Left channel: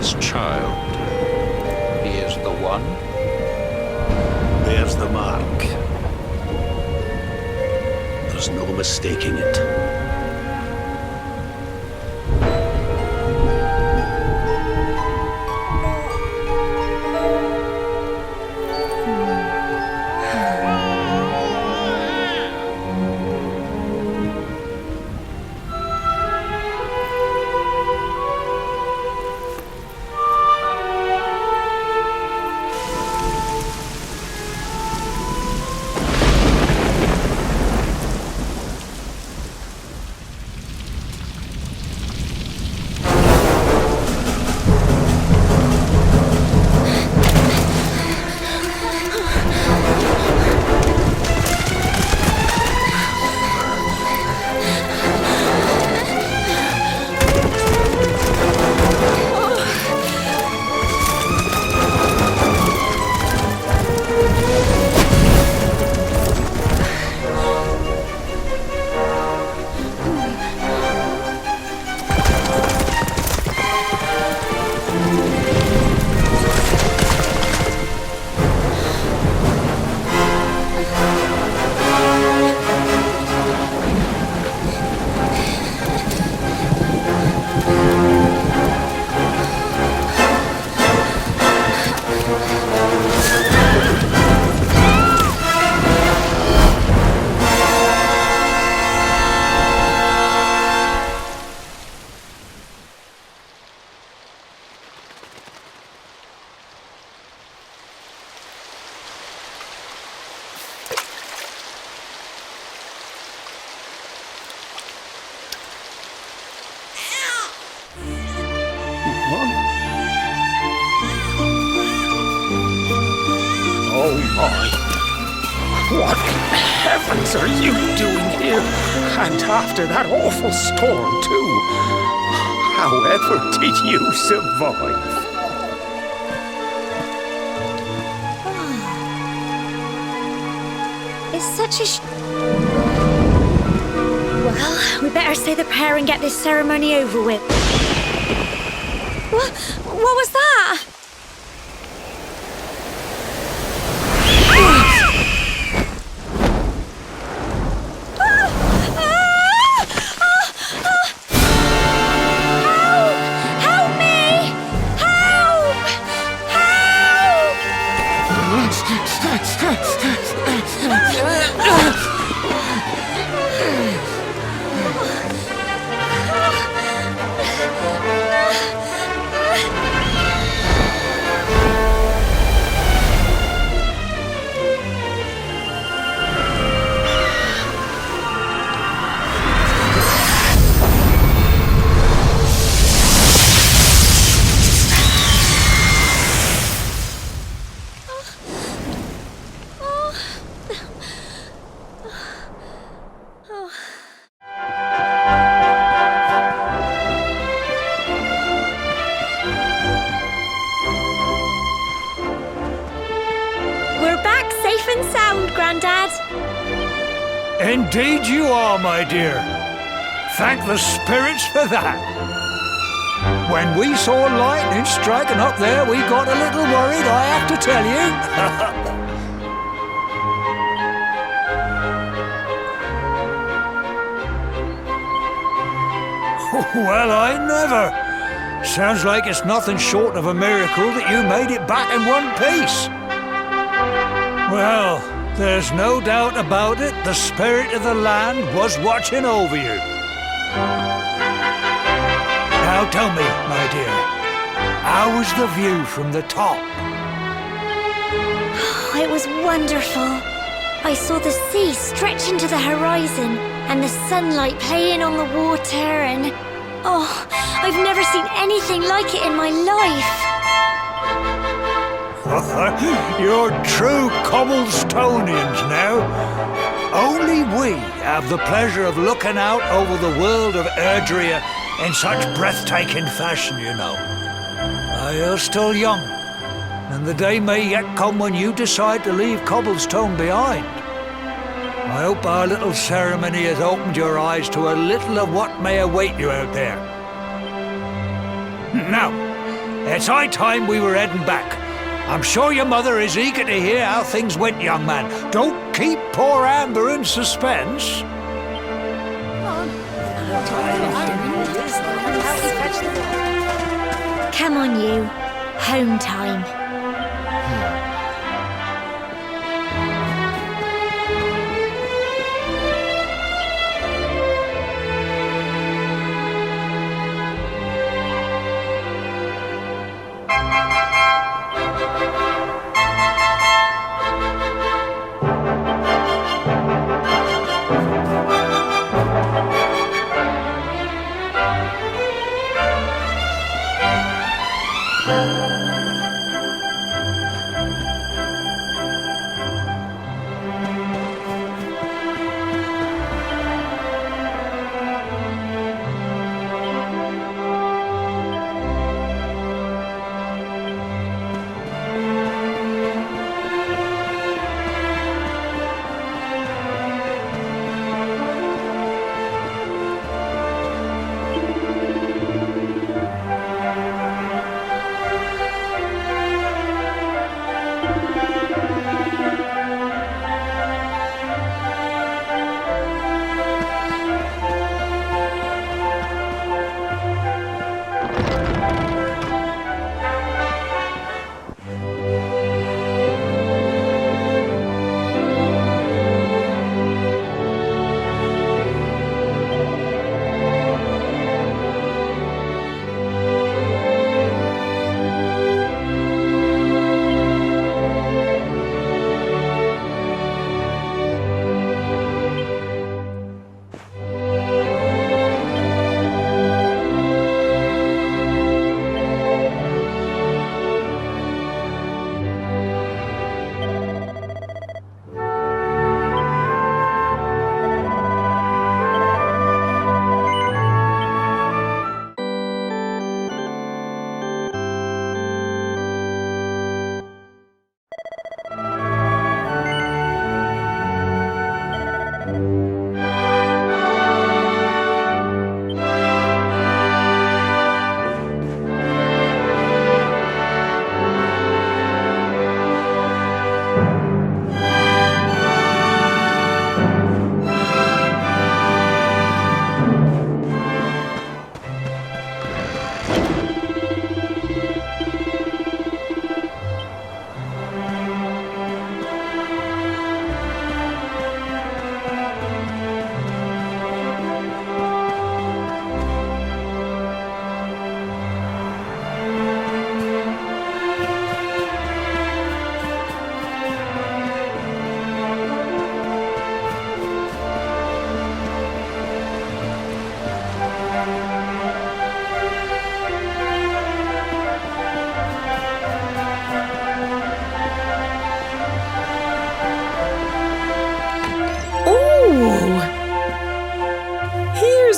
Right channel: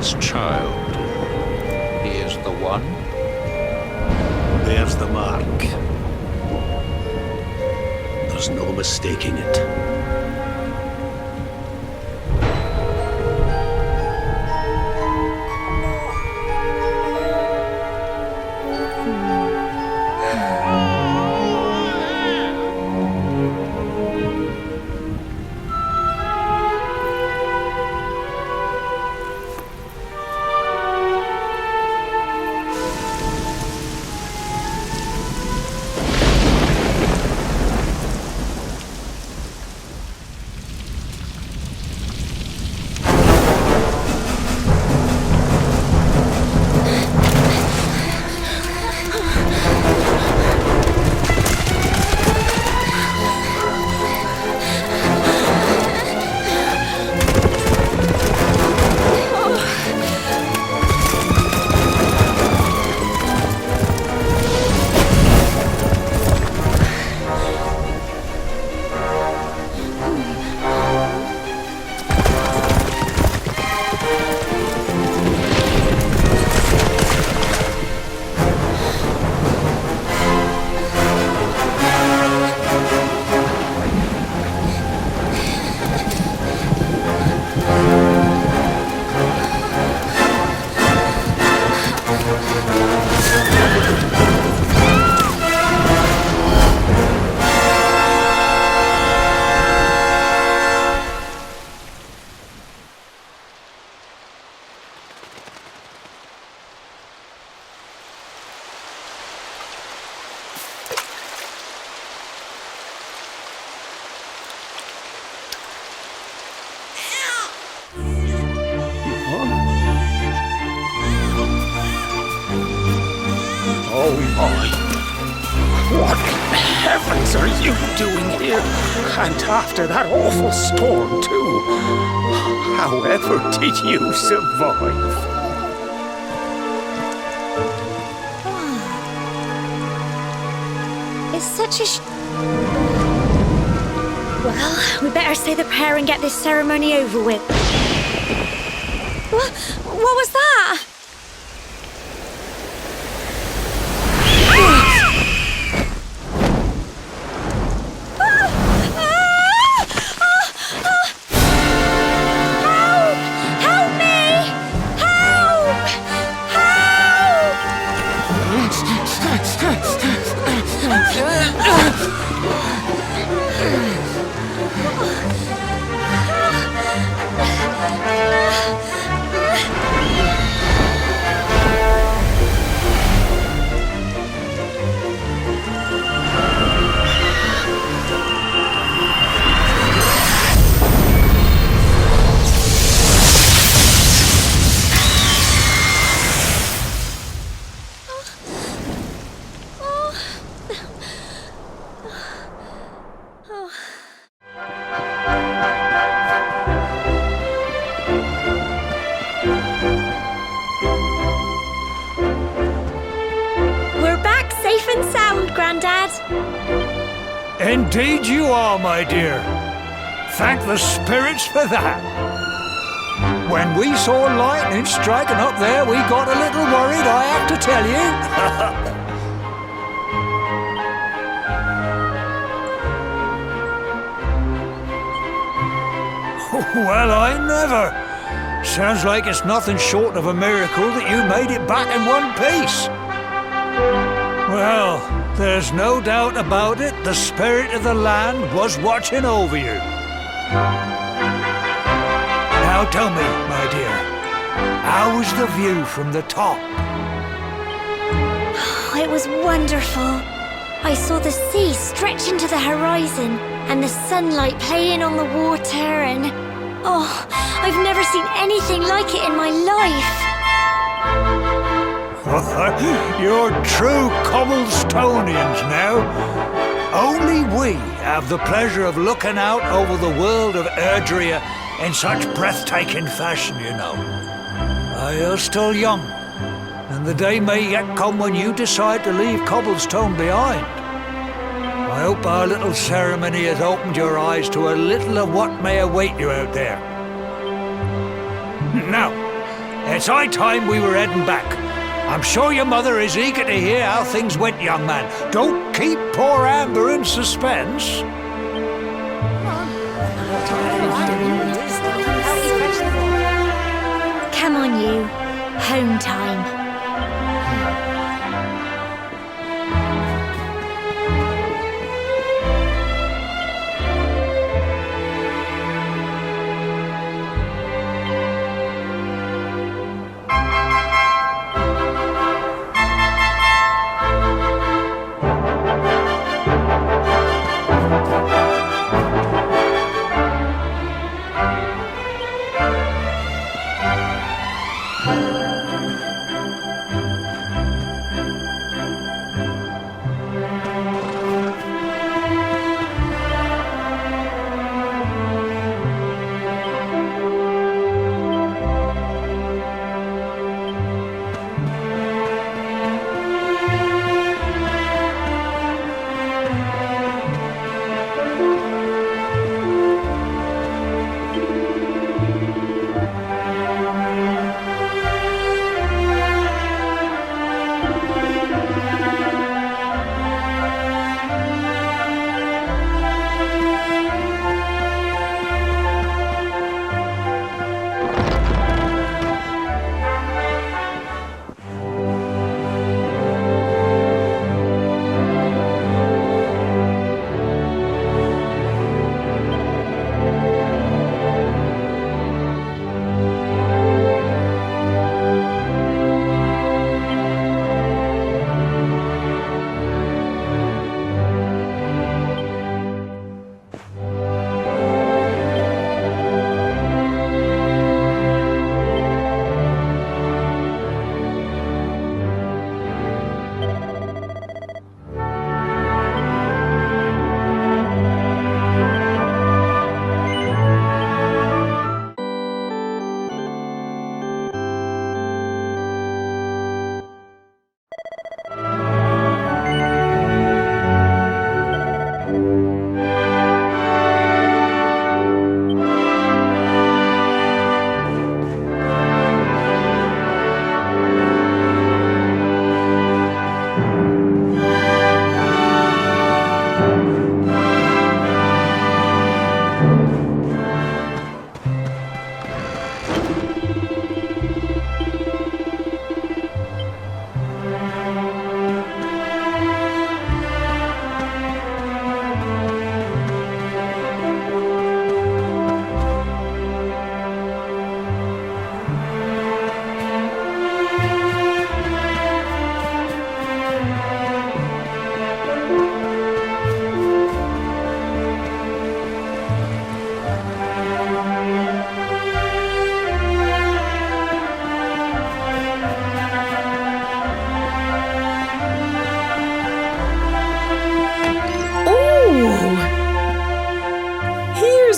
This child, he is the one? There's the mark. There's no mistaking it. Oh my! What heavens are you doing here? And after that awful storm, too. However did you survive? It's such a Well, we better say the prayer and get this ceremony over with. What was that? Help me! Help! We're back safe and sound, Grandad. Indeed you are, my dear. Thank the spirits for that. When we saw lightning striking up there, we got a little worried, I have to tell you. Well, I never. Sounds like it's nothing short of a miracle that you made it back in one piece. Well, there's no doubt about it, the spirit of the land was watching over you. Now tell me, my dear, how was the view from the top? It was wonderful. I saw the sea stretch into the horizon and the sunlight playing on the water and... Oh, I've never seen anything like it in my life. You're true Cobblestonians now. Only we have the pleasure of looking out over the world of Erdrea in such breathtaking fashion, you know. You're still young, and the day may yet come when you decide to leave Cobblestone behind. I hope our little ceremony has opened your eyes to a little of what may await you out there. Now, it's high time we were heading back. I'm sure your mother is eager to hear how things went, young man. Don't keep poor Amber in suspense. Come on, you. Home time.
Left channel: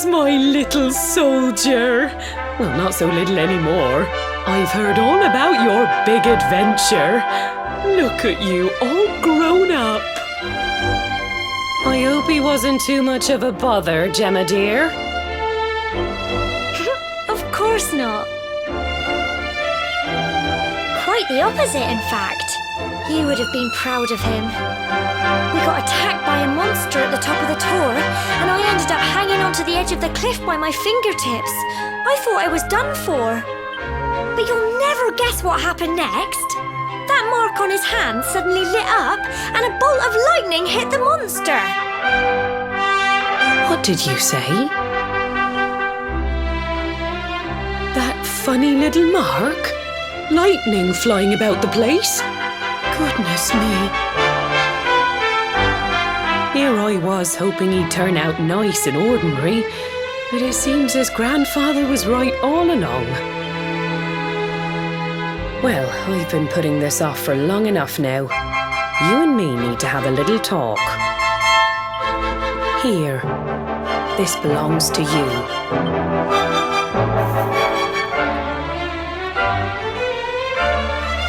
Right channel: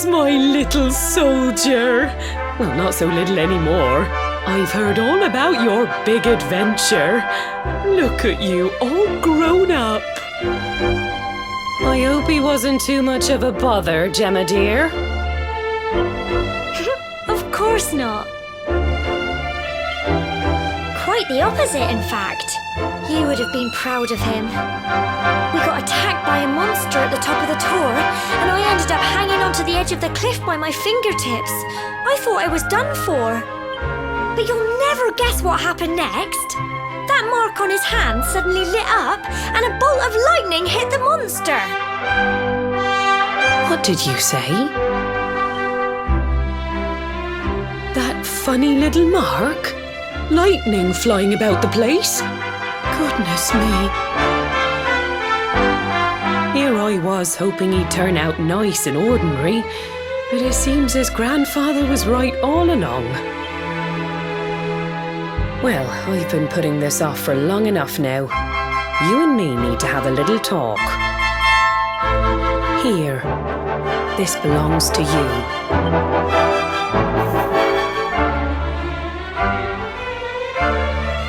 There's my little soldier. Well, not so little anymore. I've heard all about your big adventure. Look at you, all grown up. I hope he wasn't too much of a bother, Gemma dear. Of course not. Quite the opposite, in fact. You would have been proud of him. We got attacked by a monster at the top of the tower, and I ended up hanging onto the edge of the cliff by my fingertips. I thought I was done for. But you'll never guess what happened next. That mark on his hand suddenly lit up, and a bolt of lightning hit the monster. What did you say? That funny little mark? Lightning flying about the place? Goodness me. Here I was hoping he'd turn out nice and ordinary, but it seems his grandfather was right all along. Well, I've been putting this off for long enough now. You and me need to have a little talk. Here, this belongs to you.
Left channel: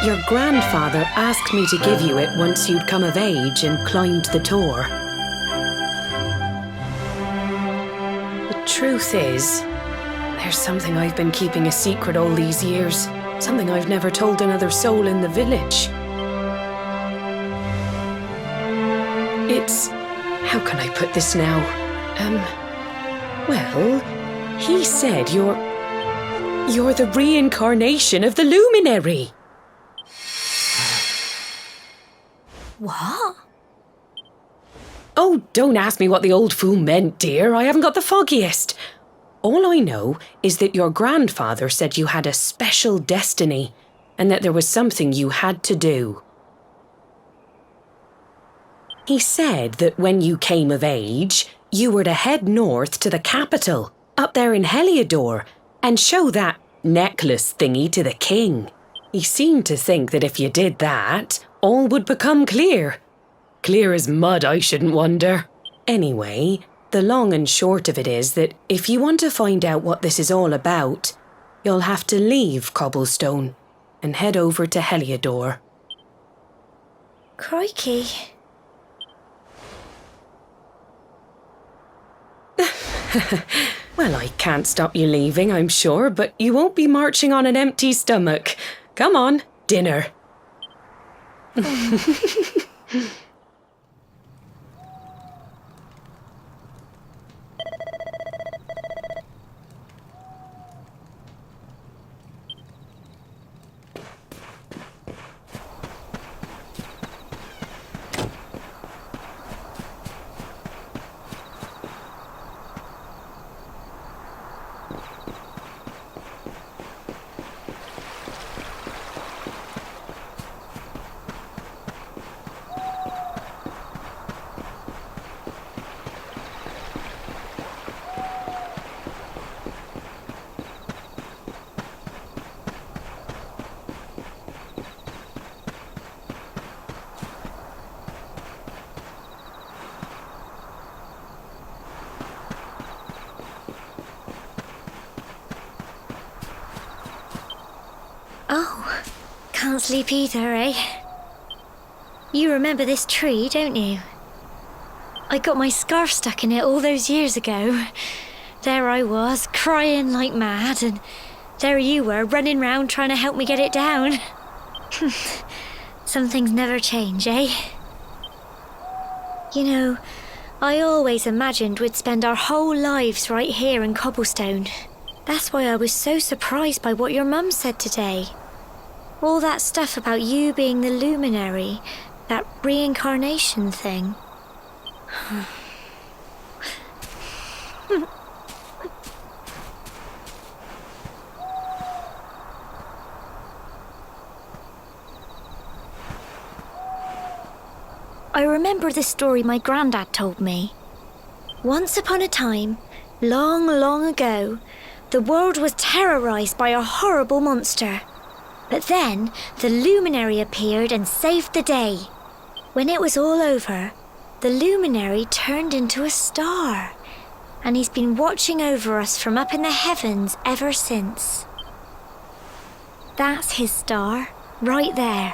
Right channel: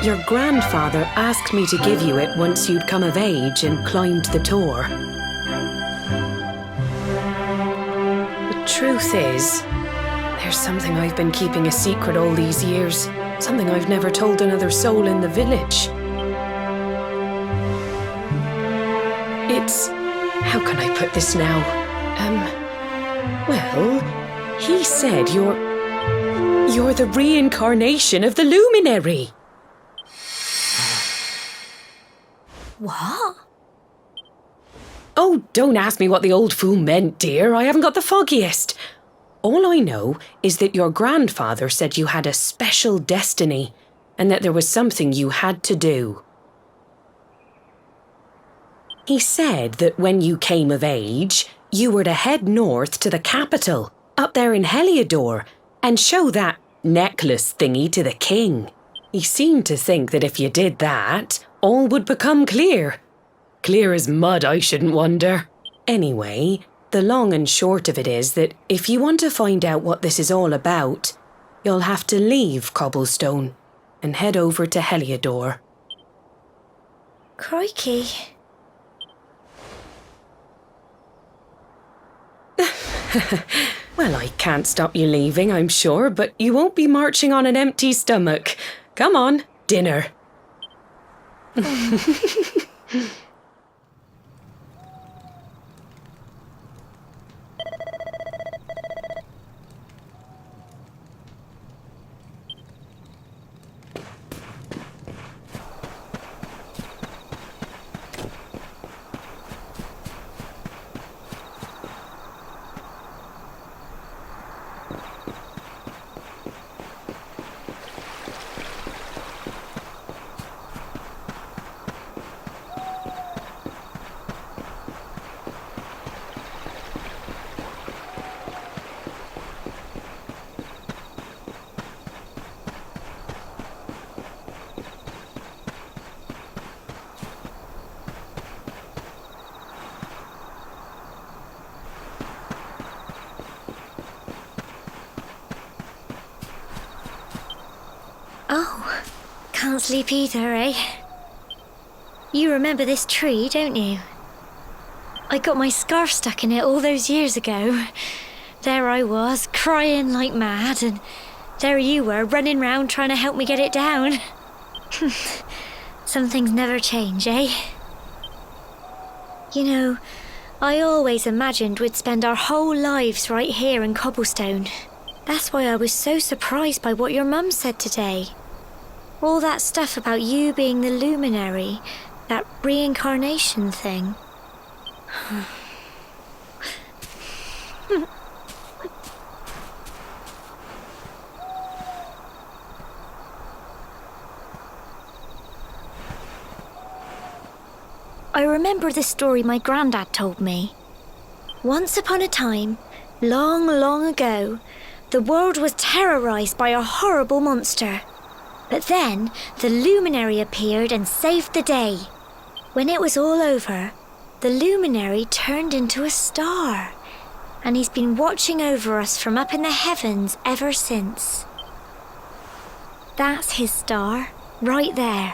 Your grandfather asked me to give you it once you'd come of age and climbed the tower. The truth is, there's something I've been keeping a secret all these years. Something I've never told another soul in the village. It's... how can I put this now? Well, he said you're the reincarnation of the luminary. What? Oh, don't ask me what the old fool meant, dear. I haven't got the foggiest. All I know is that your grandfather said you had a special destiny and that there was something you had to do. He said that when you came of age, you were to head north to the capital, up there in Heliodor, and show that necklace thingy to the king. He seemed to think that if you did that, all would become clear. Clear as mud, I shouldn't wonder. Anyway, the long and short of it is that if you want to find out what this is all about, you'll have to leave Cobblestone and head over to Heliodor. Crikey. Well, I can't stop you leaving, I'm sure, but you won't be marching on an empty stomach. Come on, dinner. Oh, can't sleep either, eh? You remember this tree, don't you? I got my scarf stuck in it all those years ago. There I was, crying like mad, and there you were, running round trying to help me get it down. Some things never change, eh? You know, I always imagined we'd spend our whole lives right here in Cobblestone. That's why I was so surprised by what your mum said today. All that stuff about you being the luminary, that reincarnation thing. I remember the story my granddad told me. Once upon a time, long, long ago, the world was terrorised by a horrible monster. But then the luminary appeared and saved the day. When it was all over, the luminary turned into a star. and he's been watching over us from up in the heavens ever since. That's his star, right there.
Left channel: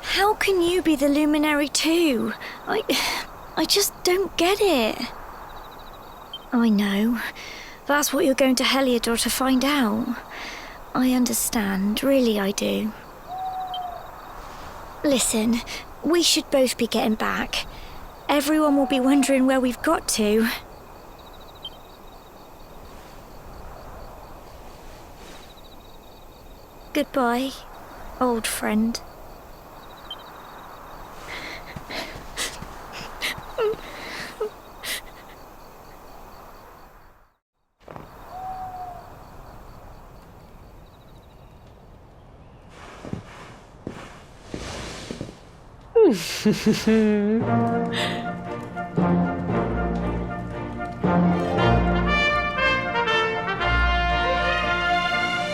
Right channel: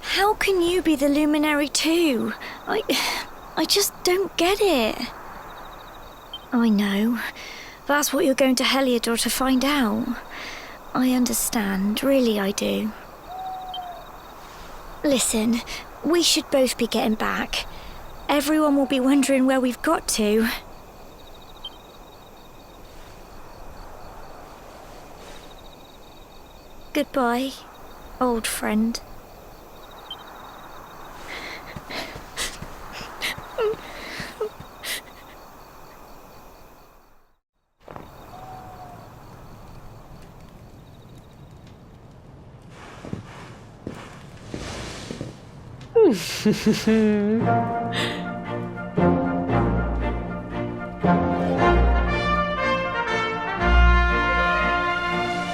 How can you be the luminary too? I just don't get it. I know. That's what you're going to Heliodor to find out. I understand, really I do. Listen, we should both be getting back. Everyone will be wondering where we've got to. Goodbye, old friend.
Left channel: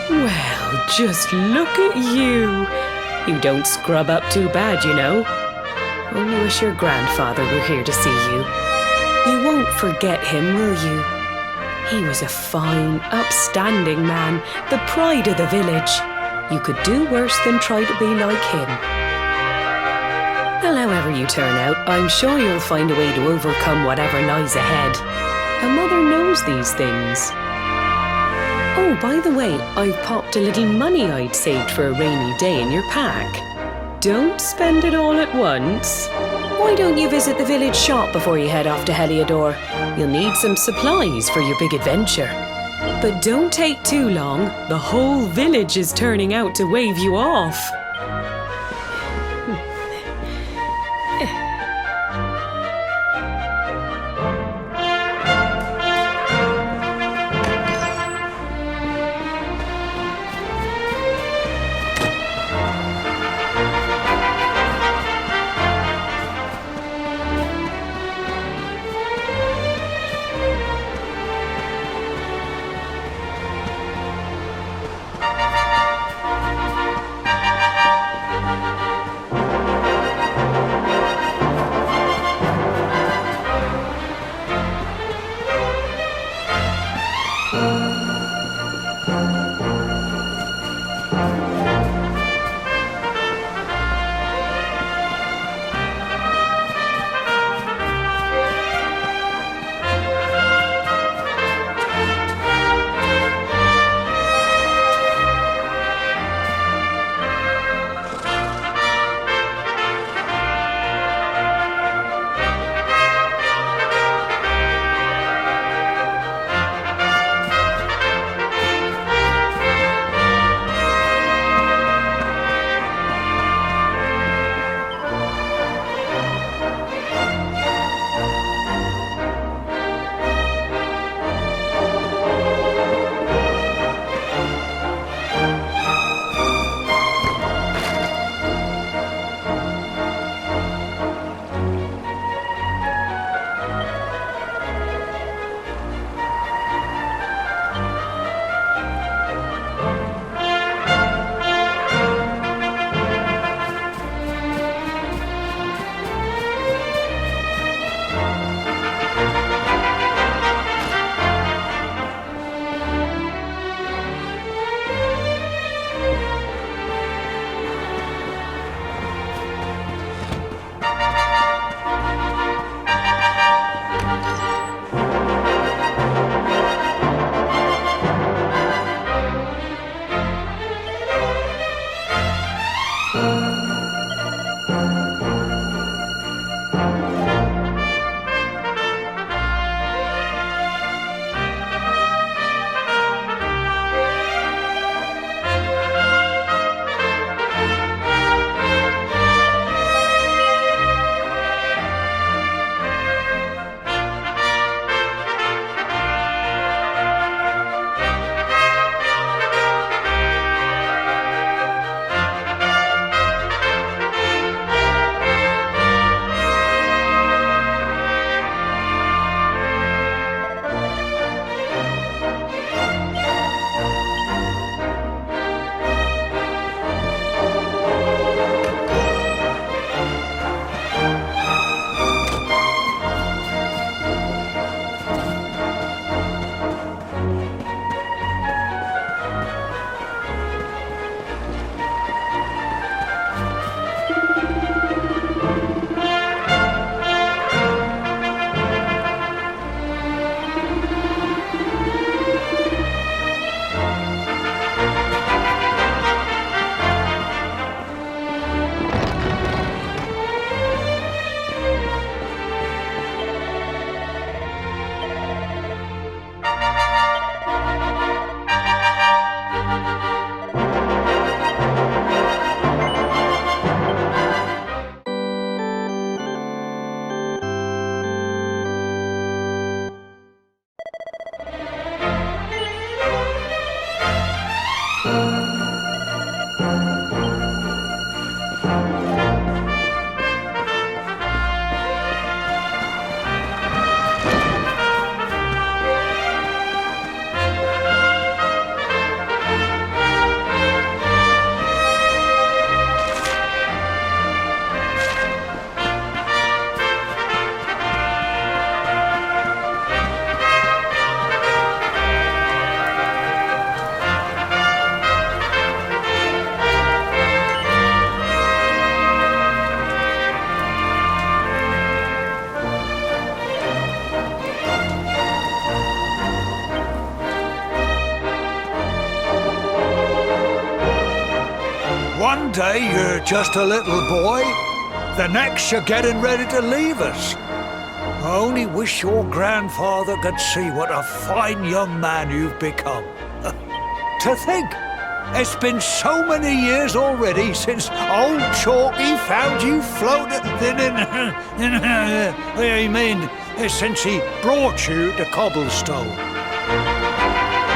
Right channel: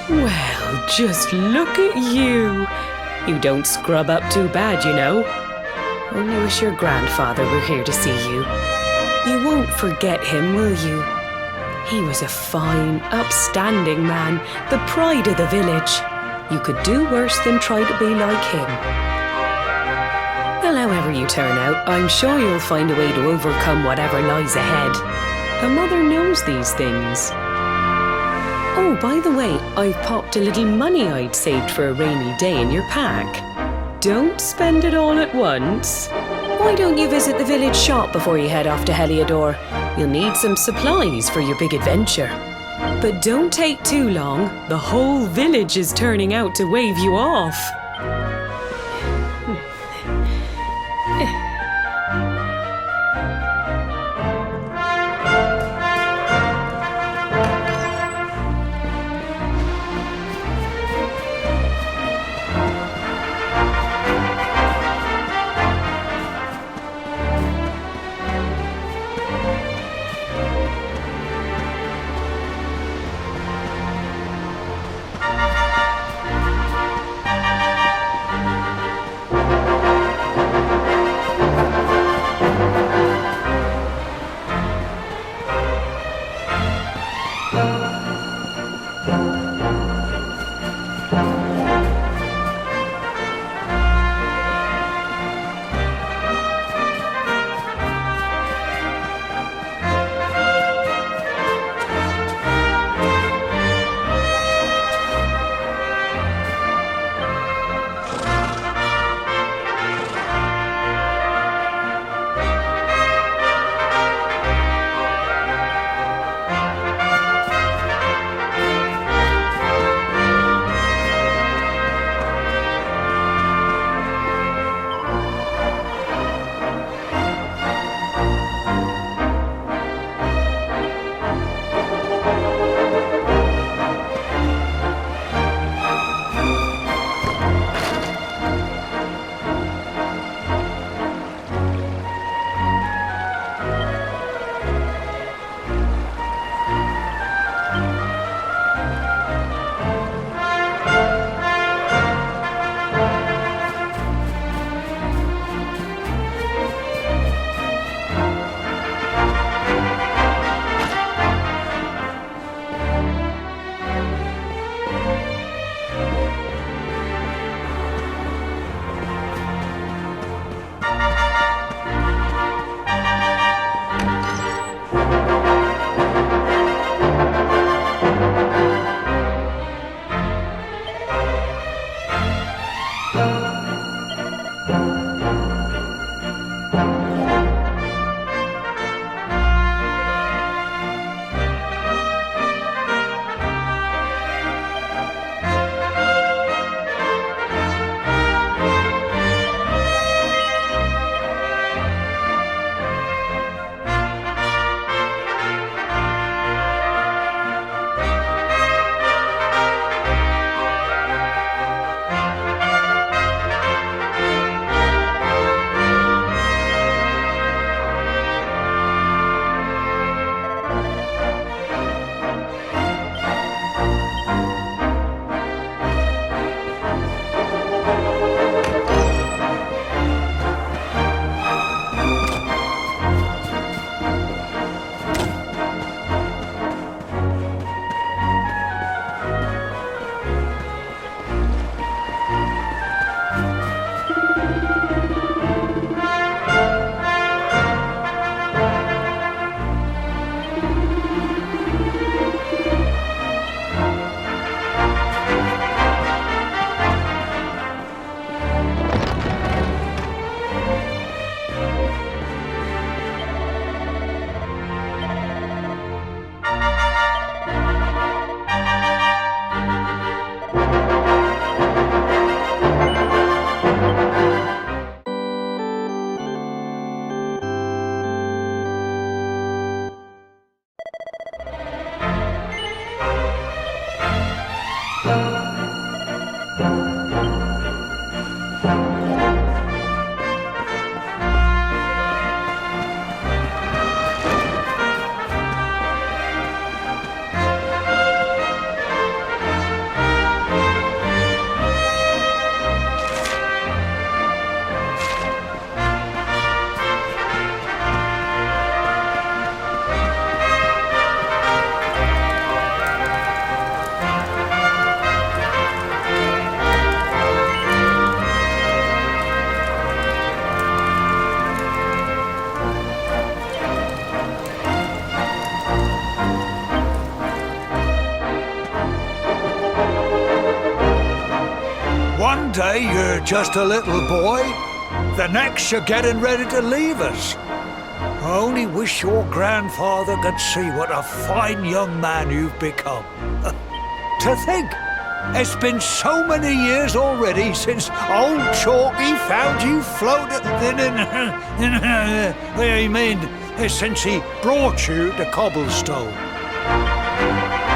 Well, just look at you. You don't scrub up too bad, you know. Only wish your grandfather were here to see you. You won't forget him, will you? He was a fine, upstanding man, the pride of the village. You could do worse than try to be like him. Well, however you turn out, I'm sure you'll find a way to overcome whatever lies ahead. A mother knows these things. Oh, by the way, I've popped a little money I'd saved for a rainy day in your pack. Don't spend it all at once. Why don't you visit the village shop before you head off to Heliodor? You'll need some supplies for your big adventure. But don't take too long. The whole village is turning out to wave you off. One day you're just a little boy, the next you're getting ready to leave us. I only wish your grandfather could see what a fine young man you've become. To think, it's been so many years already since old Chalky found you floating since he brought you to Cobblestone.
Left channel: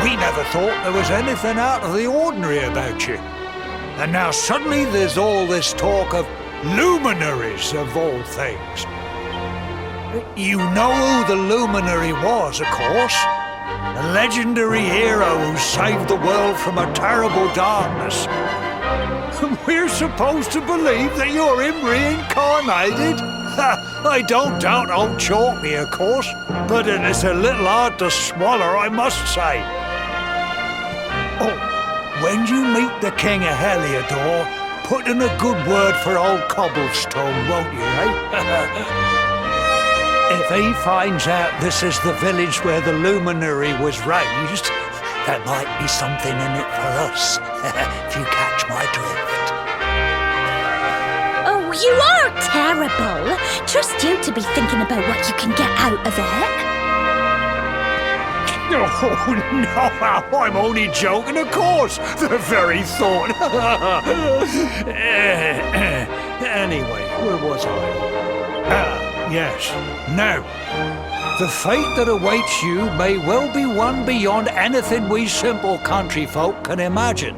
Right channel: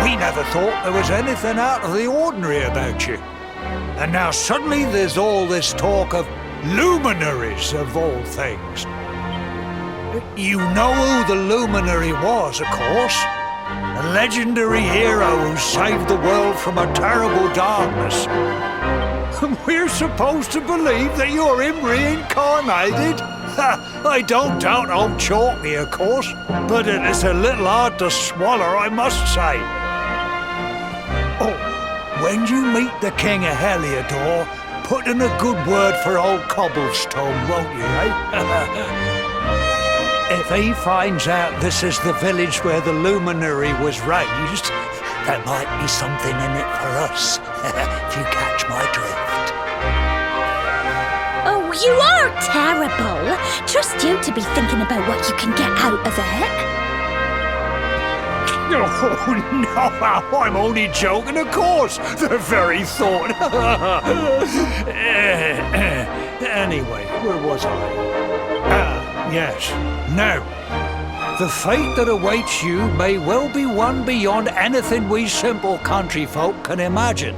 We never thought there was anything out of the ordinary about you. And now suddenly there's all this talk of luminaries of all things. You know who the luminary was, of course. A legendary hero who saved the world from a terrible darkness. We're supposed to believe that you're him reincarnated? I don't doubt old Chalky, of course, but it is a little hard to swallow, I must say. Oh, when you meet the King of Heliodor, put in a good word for old Cobblestone, won't you, eh? If he finds out this is the village where the luminary was raised, there might be something in it for us, if you catch my drift. Oh, you are terrible. Trust you to be thinking about what you can get out of it. Oh, no, I'm only joking, of course. The very thought. Anyway, where was I? Yes. Now, the fate that awaits you may well be one beyond anything we simple country folk can imagine.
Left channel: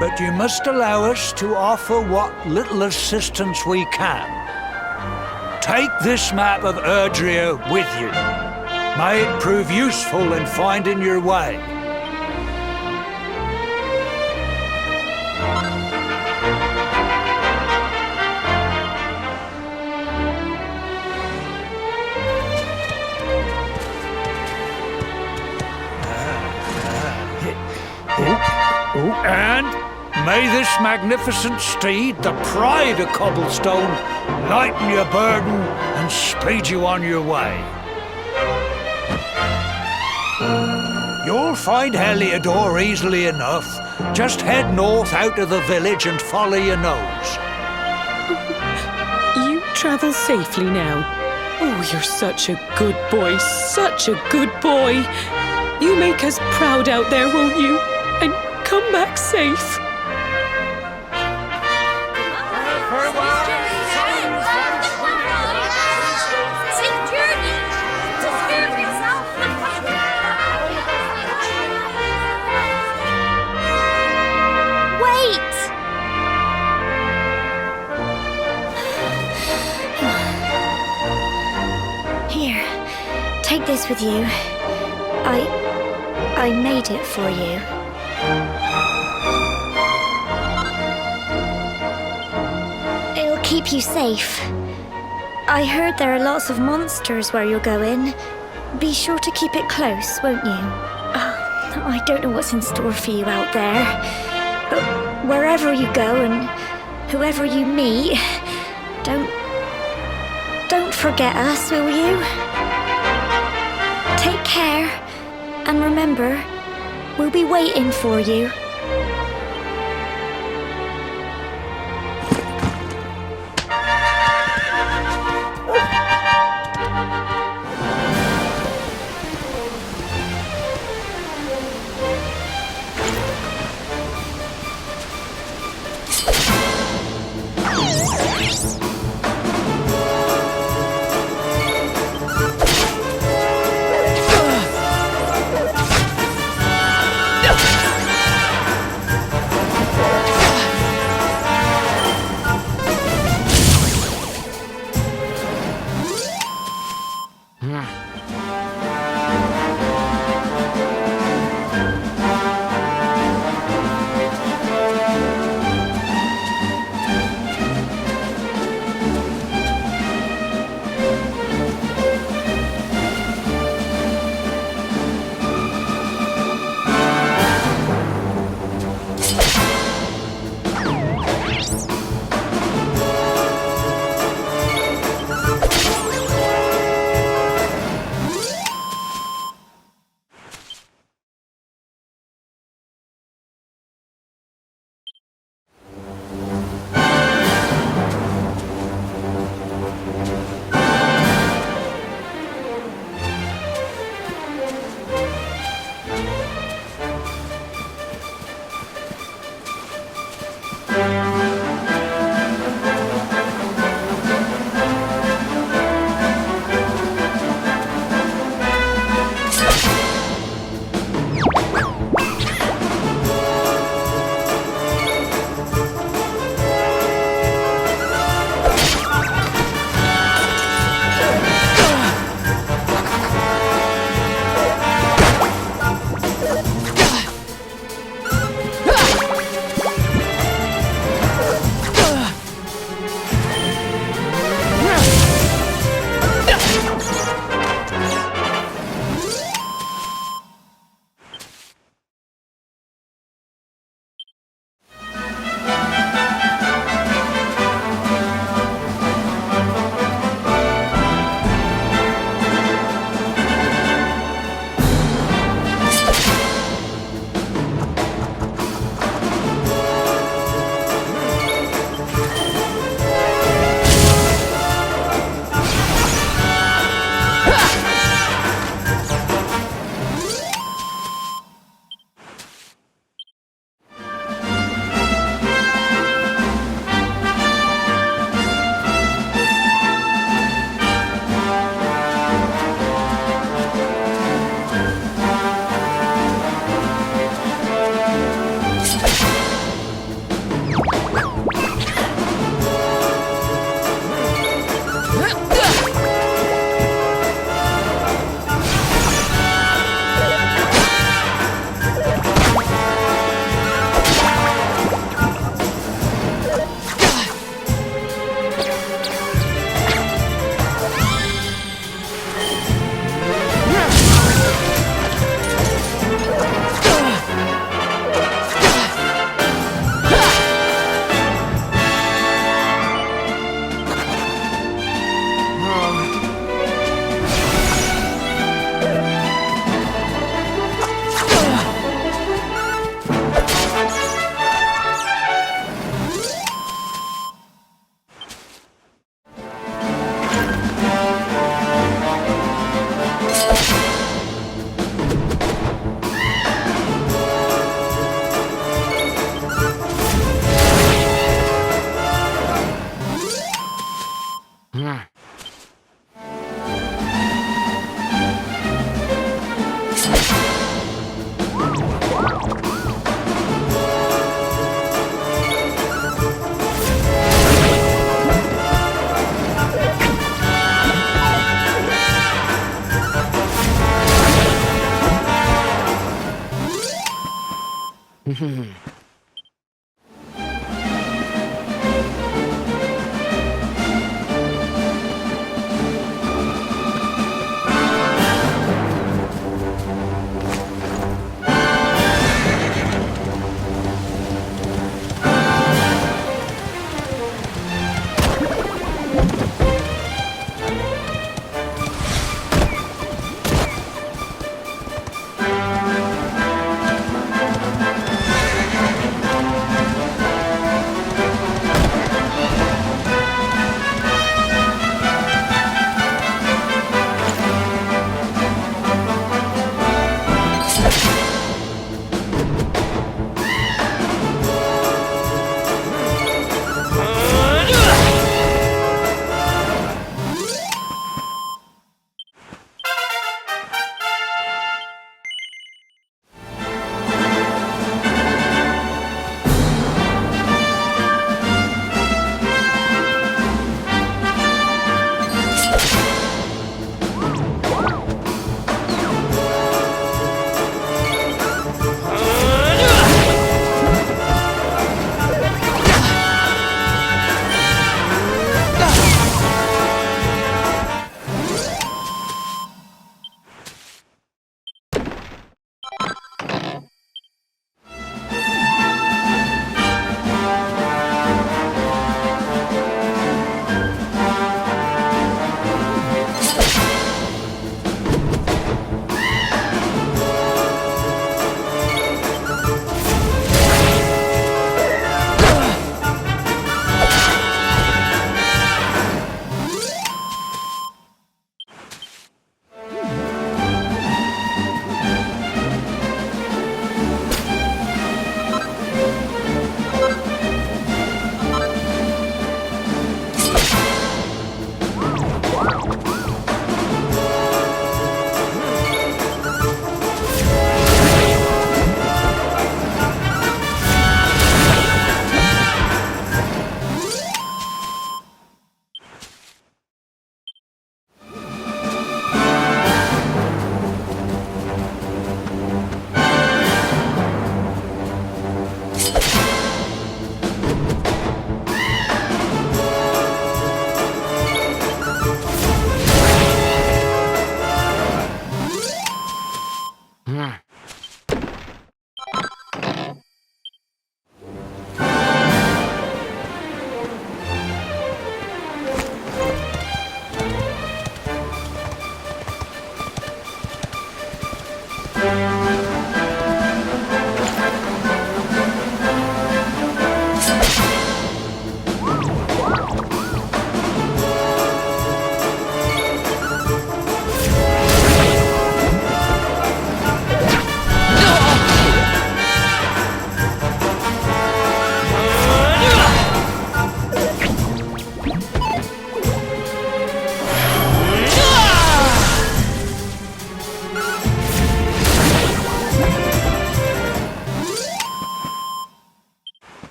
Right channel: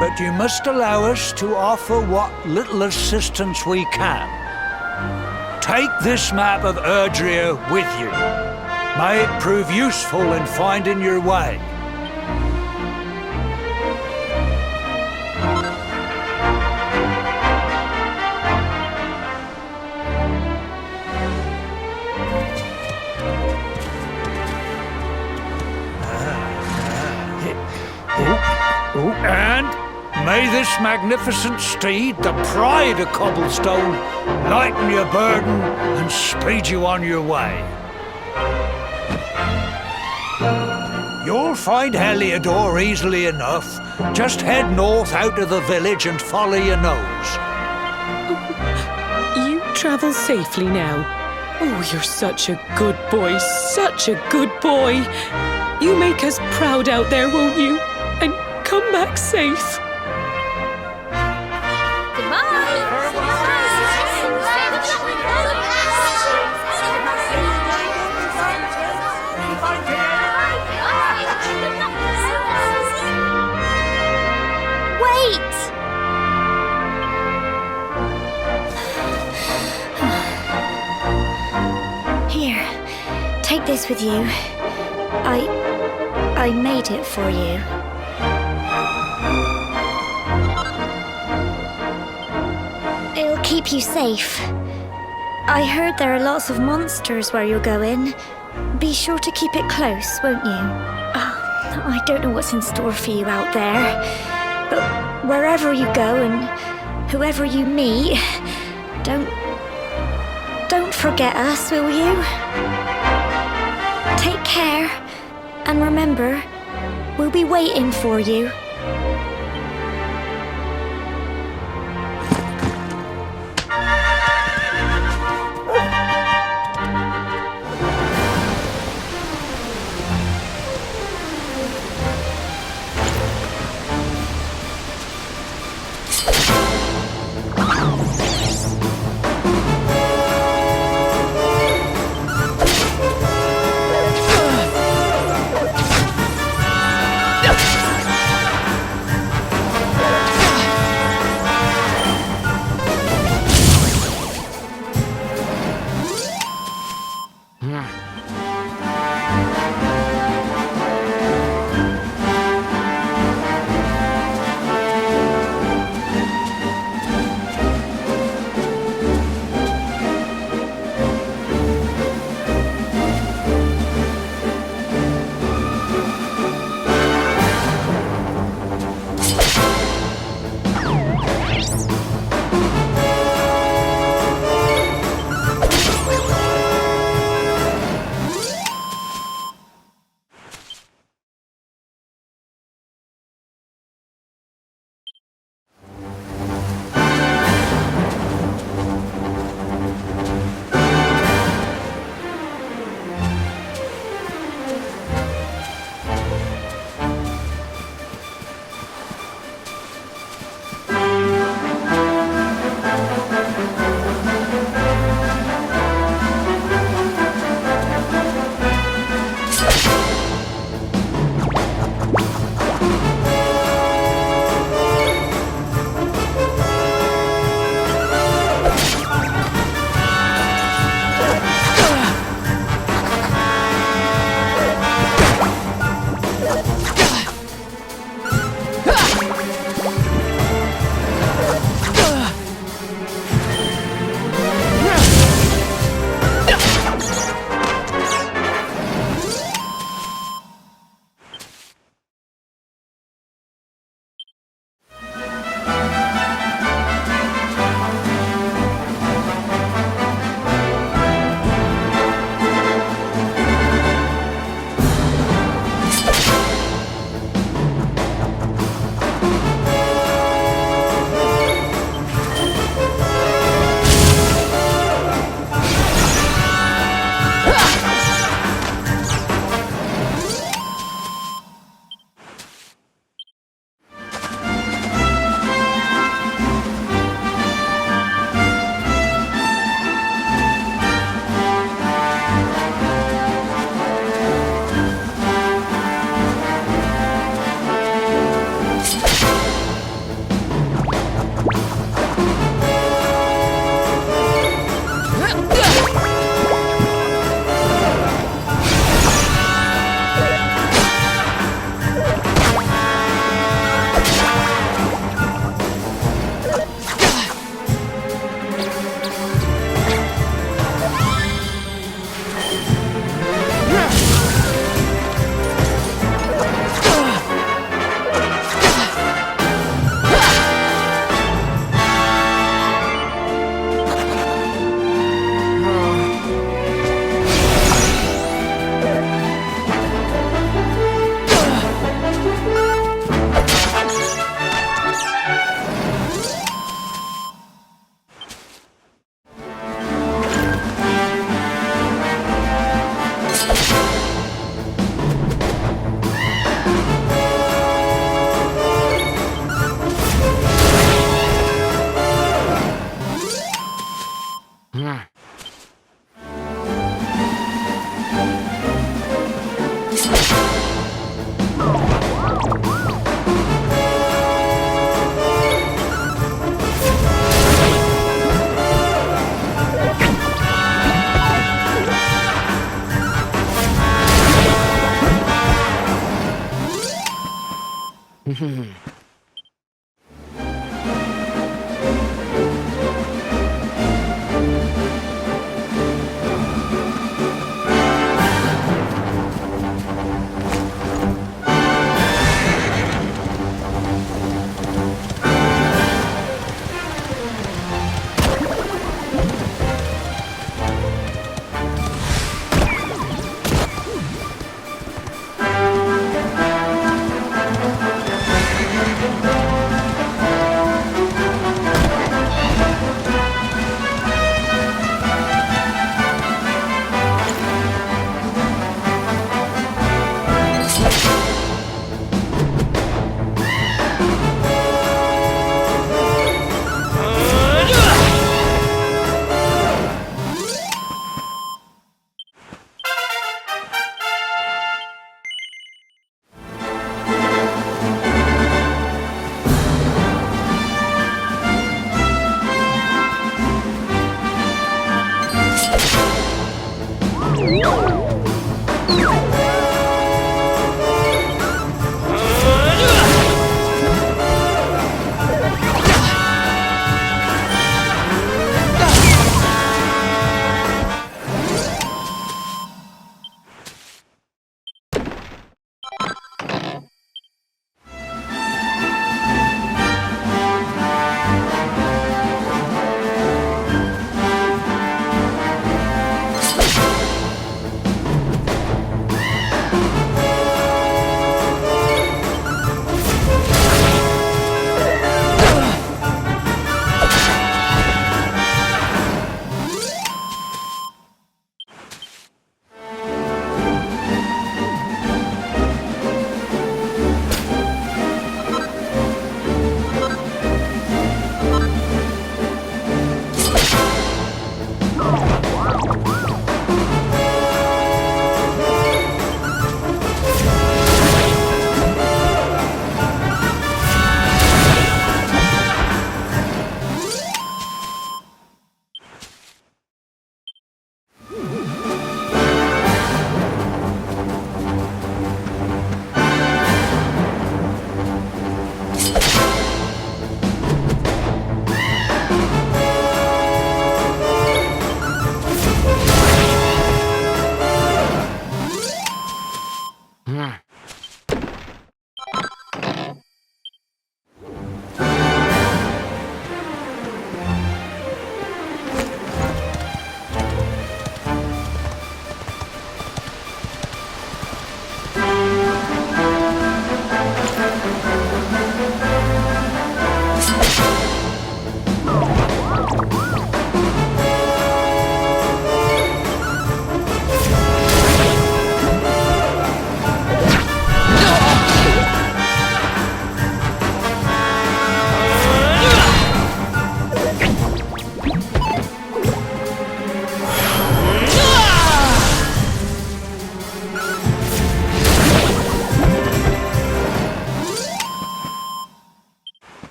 But you must allow us to offer what little assistance we can. Take this map of Erdrea with you. May it prove useful in finding your way. And may this magnificent steed, the pride of Cobblestone, lighten your burden and speed you on your way. You'll find Heliodor easily enough. Just head north out of the village and follow your nose. You travel safely now. Oh, you're such a good boy, such a good boy. You make us proud out there, won't you? And come back safe. Wait! Here, take this with you. I made it for you. It'll keep you safe. I heard there are lots of monsters where you're going. Be sure to keep it close, won't you? I don't know what's in store for you out there, but wherever you go and whoever you meet, don't forget us, will you? Take care, and remember, we'll be waiting for you.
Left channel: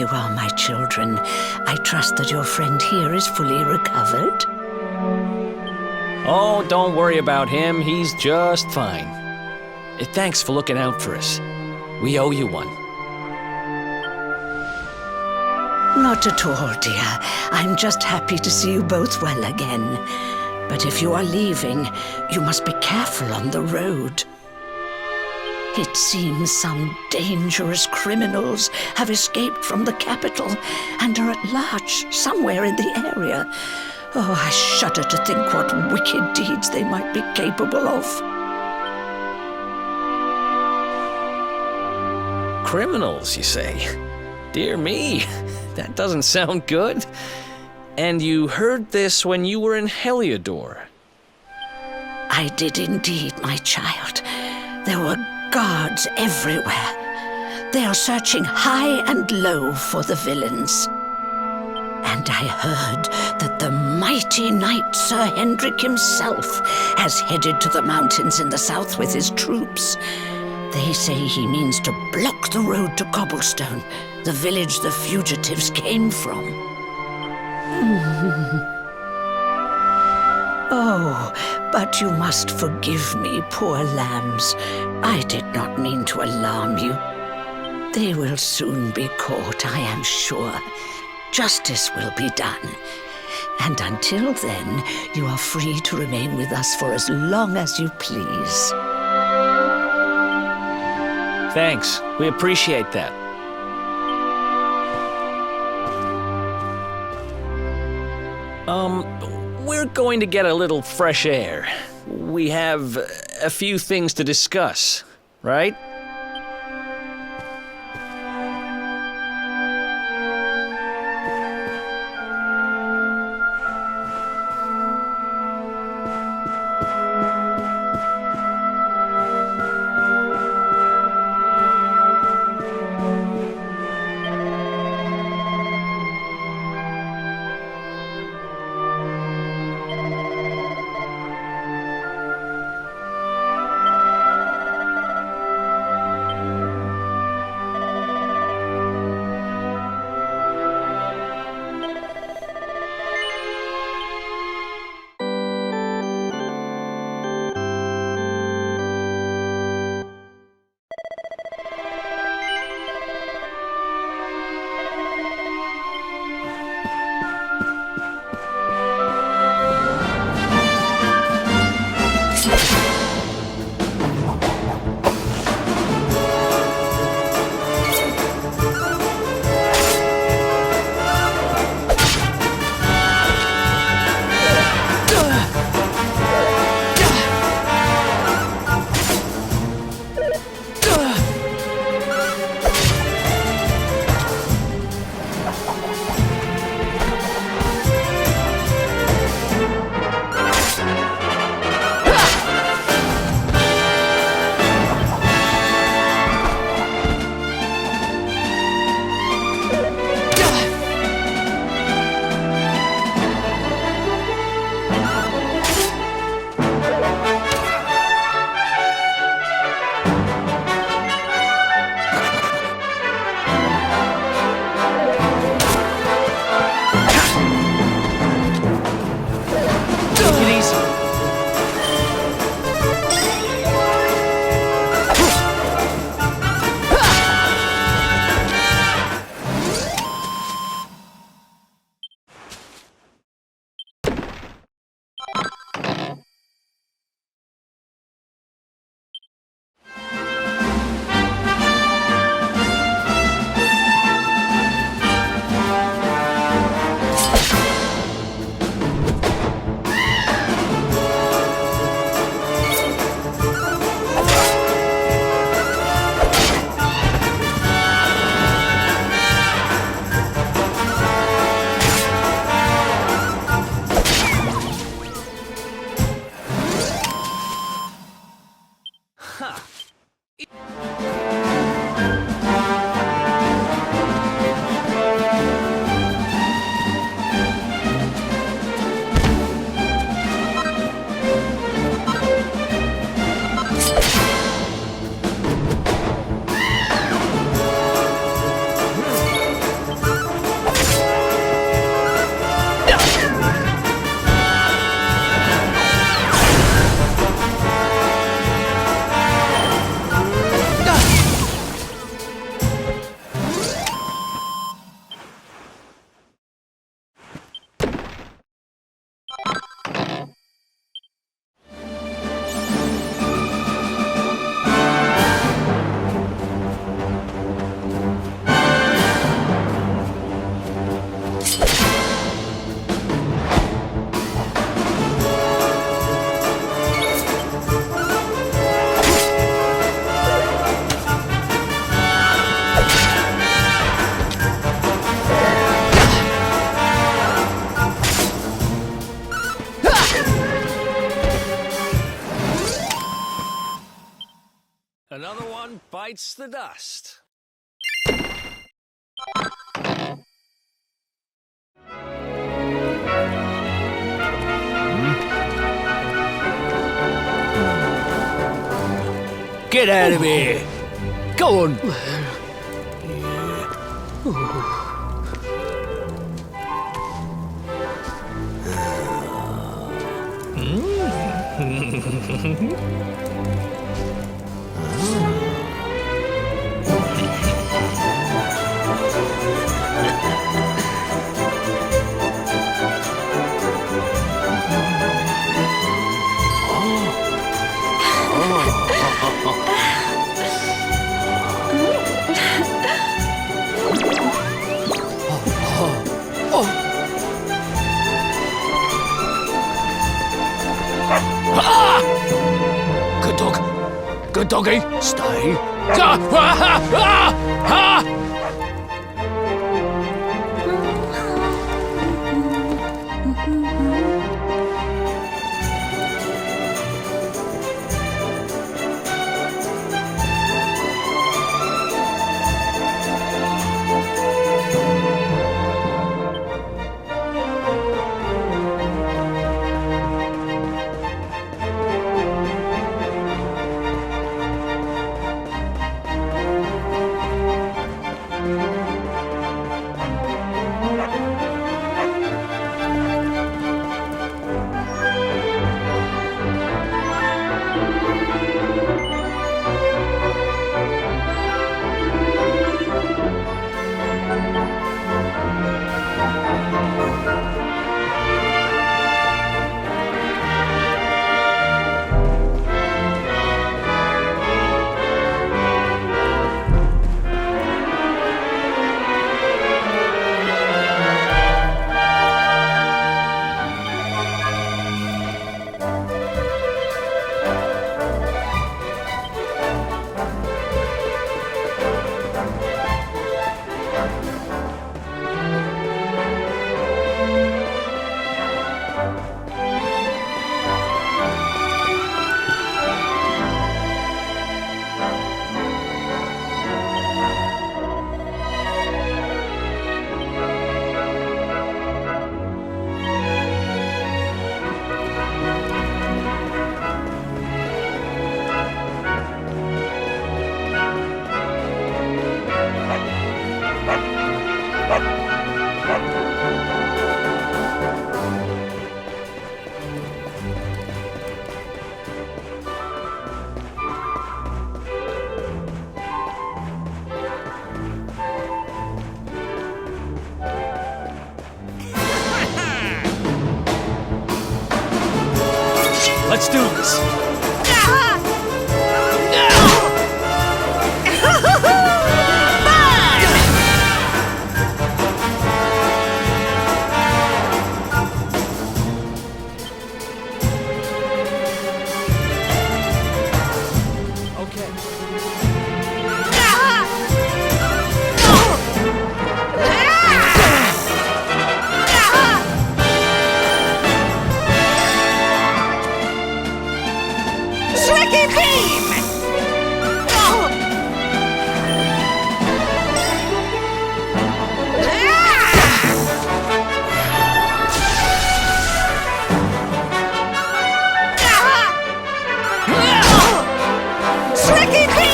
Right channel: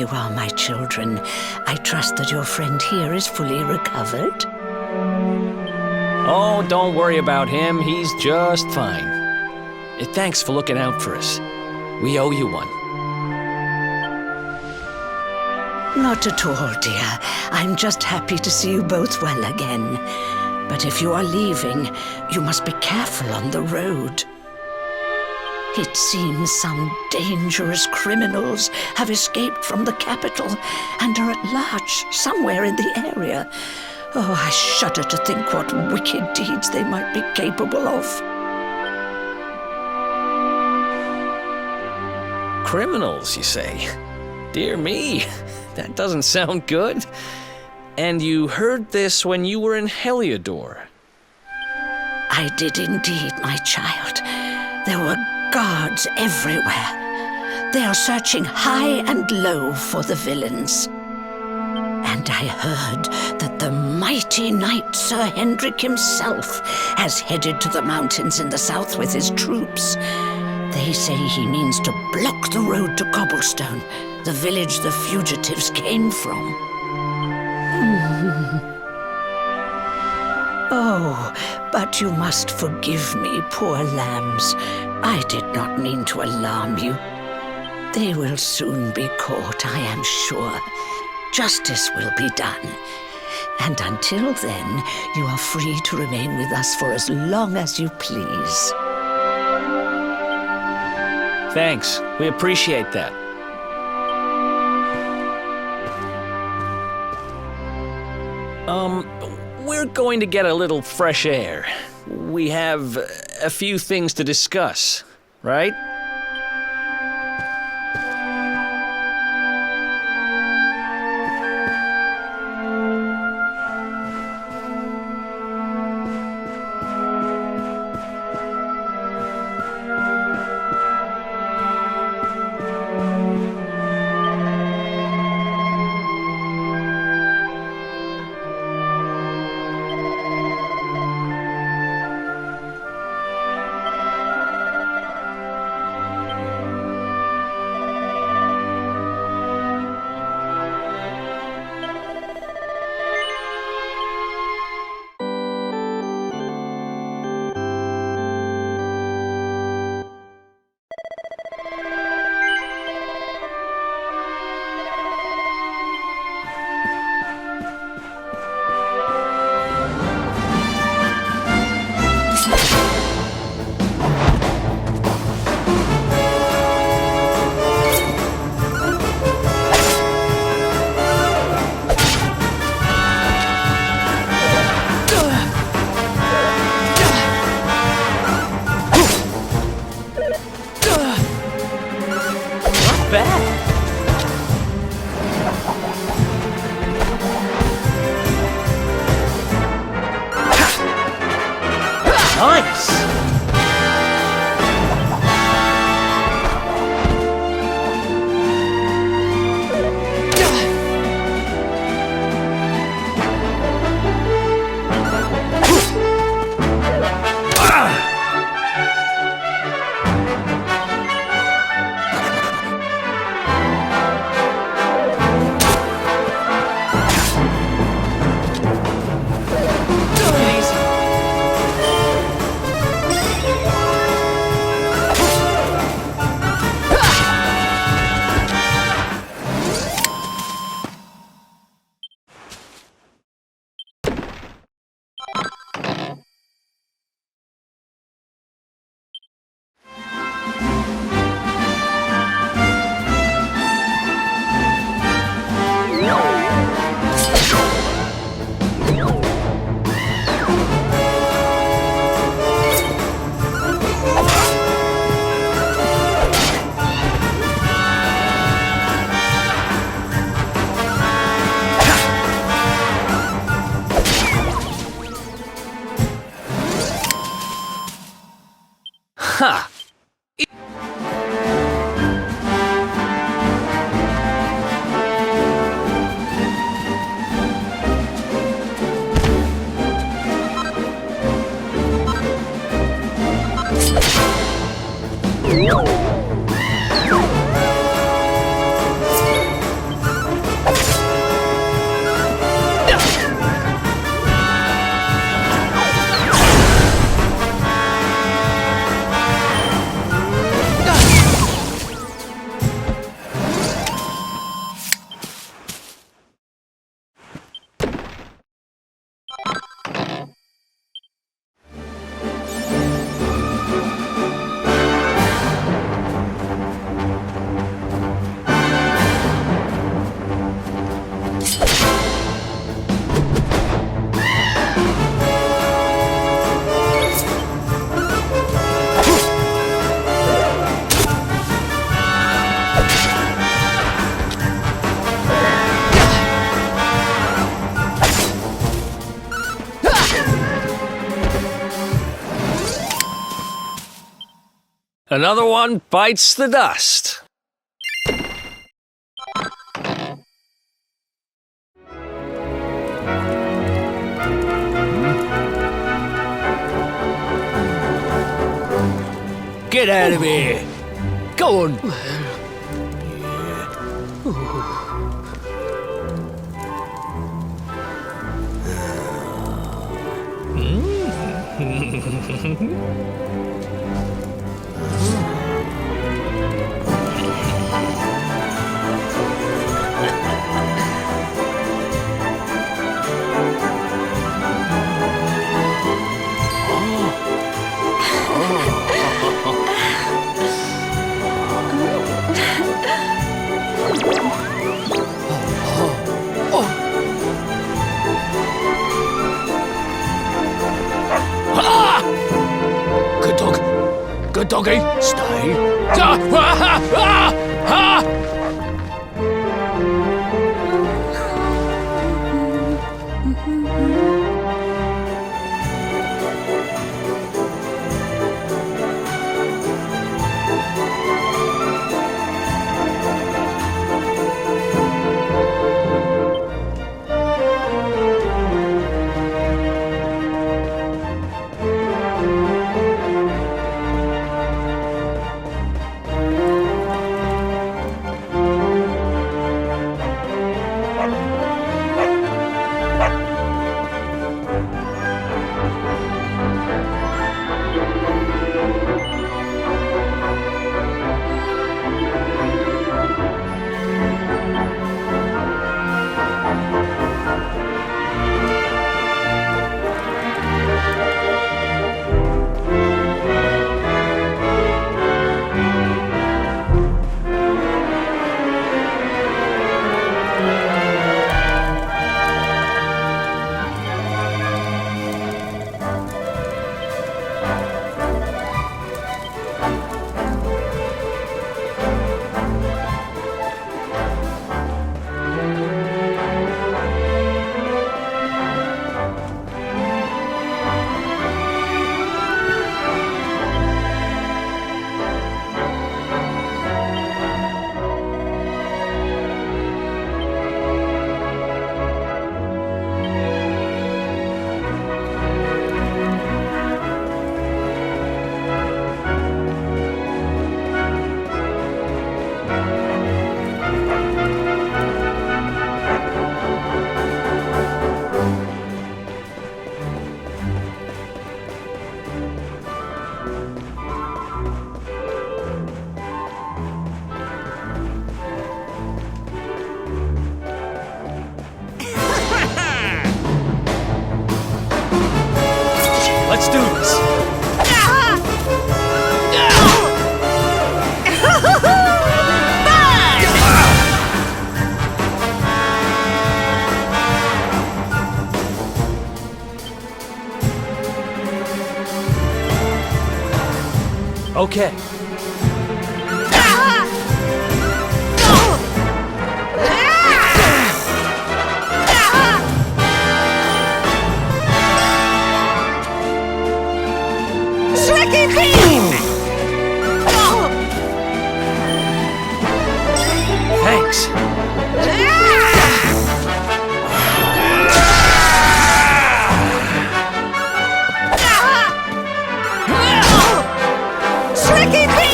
you are, my children. I trust that your friend here is fully recovered. Oh, don't worry about him. He's just fine. Thanks for looking out for us. We owe you one. Not at all, dear. I'm just happy to see you both well again. But if you are leaving, you must be careful on the road. It seems some dangerous criminals have escaped from the capital and are at large somewhere in the area. Oh, I shudder to think what wicked deeds they might be capable of. Criminals, you say? Dear me, that doesn't sound good. And you heard this when you were in Heliodor? I did indeed, my child. There were guards everywhere. They are searching high and low for the villains. And I heard that the mighty knight Sir Hendrik himself has headed to the mountains in the south with his troops. They say he means to block the road to Cobblestone, the village the fugitives came from. Oh, but you must forgive me, poor lambs. I did not mean to alarm you. They will soon be caught, I am sure. Justice will be done. And until then, you are free to remain with us for as long as you please. Thanks. We appreciate that. We're going to get a little fresh air. We have a few things to discuss, right? Another one bites the dust. Get out of here! Go on! Good dog. Good doggy. Stay. Let's do this. Okay. Tricky beam! Thanks. Tricky beam!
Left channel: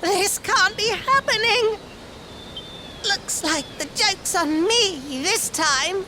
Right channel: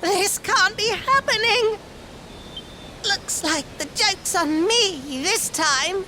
This can't be happening. Looks like the joke's on me this time.